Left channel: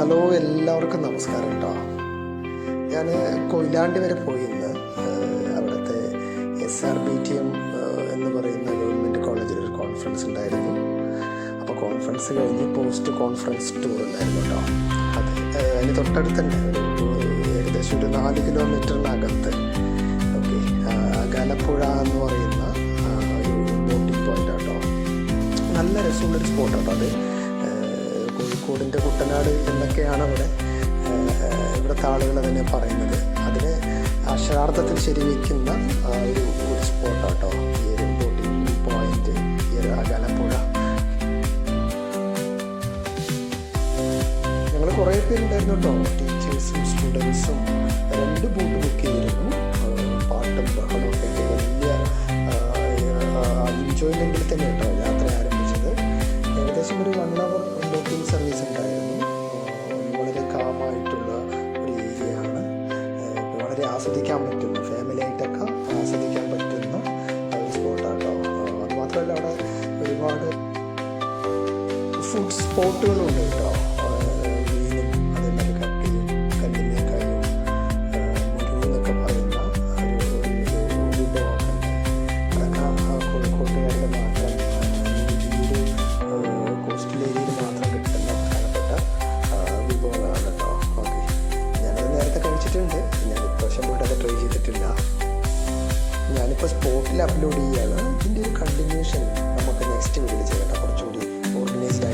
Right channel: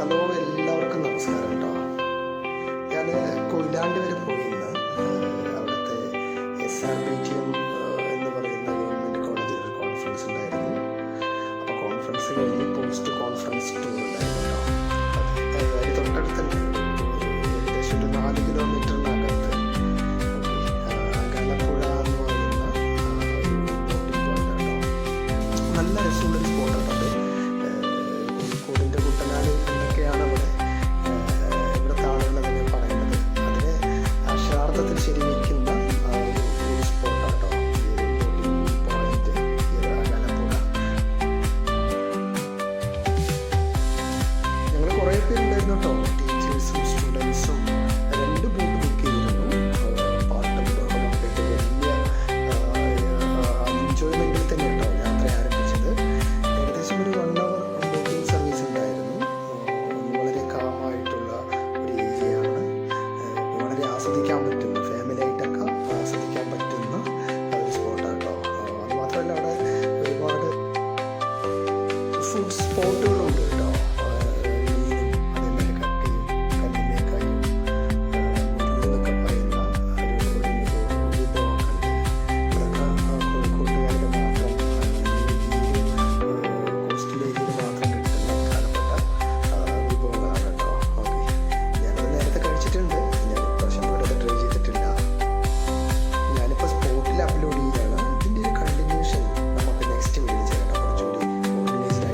Hello, എല്ലാവർക്കും നമസ്കാരം കേട്ടോ. ഞാൻ കൊയിലാണ്ടി വരെ പോയി ഇന്ന്. അവിടുത്തെ SRBTM എന്ന് പറയുന്ന ഗവൺമെൻറ് കോളേജിലൊരു കോൺഫറൻസ് ഉണ്ടായിരുന്നു. അപ്പോൾ കോൺഫറൻസ് കഴിഞ്ഞ് പോസ്റ്റ് കോൺഫറൻസ് ടൂർ ഉണ്ടായിരുന്നു കേട്ടോ. അതിന് തൊട്ടടുത്ത് തന്നെ ഏകദേശം ഒരു 4 കിലോമീറ്ററിനകത്ത് ഗലപ്പുഴ എന്ന് പറയുന്ന ഒരു ബോട്ടിംഗ് പോയിന്റ് കേട്ടോ. നല്ല രസമുള്ളൊരു സ്പോട്ടാട്ടോ അത്. കോഴിക്കോടിൻ്റെ കുട്ടനാട് എന്നൊക്കെയാണ് ഇവിടുത്തെ ആളുകൾ അതിനെ പറയുന്നത്. അതിനെ അക്ഷരാർത്ഥത്തിൽ ശരിവയ്ക്കുന്ന ഒരു സ്പോട്ടാട്ടോ ഈ ഒരു ബോട്ടിംഗ് പോയിന്റ്, ഈ ഒരു ഗലപ്പുഴ. ഞങ്ങൾ കുറേ പേരുണ്ടായിരുന്നു കേട്ടോ, ടീച്ചേഴ്സും സ്റ്റുഡൻസും. 2 ബോട്ട് ബുക്ക് ചെയ്തിരുന്നു. പാട്ടും ബഹളമൊക്കെ ആയിട്ട് വലിയ എൻജോയ്മെൻറ്റിൽ തന്നെ കേട്ടോ യാത്ര ആരംഭിച്ചത്. ഏകദേശം ഒരു 1 hour ബോട്ടിംഗ് സർവീസ് ഉണ്ടായിരുന്നു. വളരെ കാമായിട്ടുള്ള ഒരു ഏരിയയാണ്. വളരെ ആസ്വദിക്കാൻ പറ്റുന്ന, ഫാമിലി ആയിട്ടൊക്കെ ആസ്വദിക്കാൻ പറ്റുന്ന ഒരു സ്പോട്ടാട്ടോ. അതുമാത്രമല്ല, അവിടെ ഒരുപാട് ഫുഡ് സ്പോട്ടുകളുണ്ട് കേട്ടോ.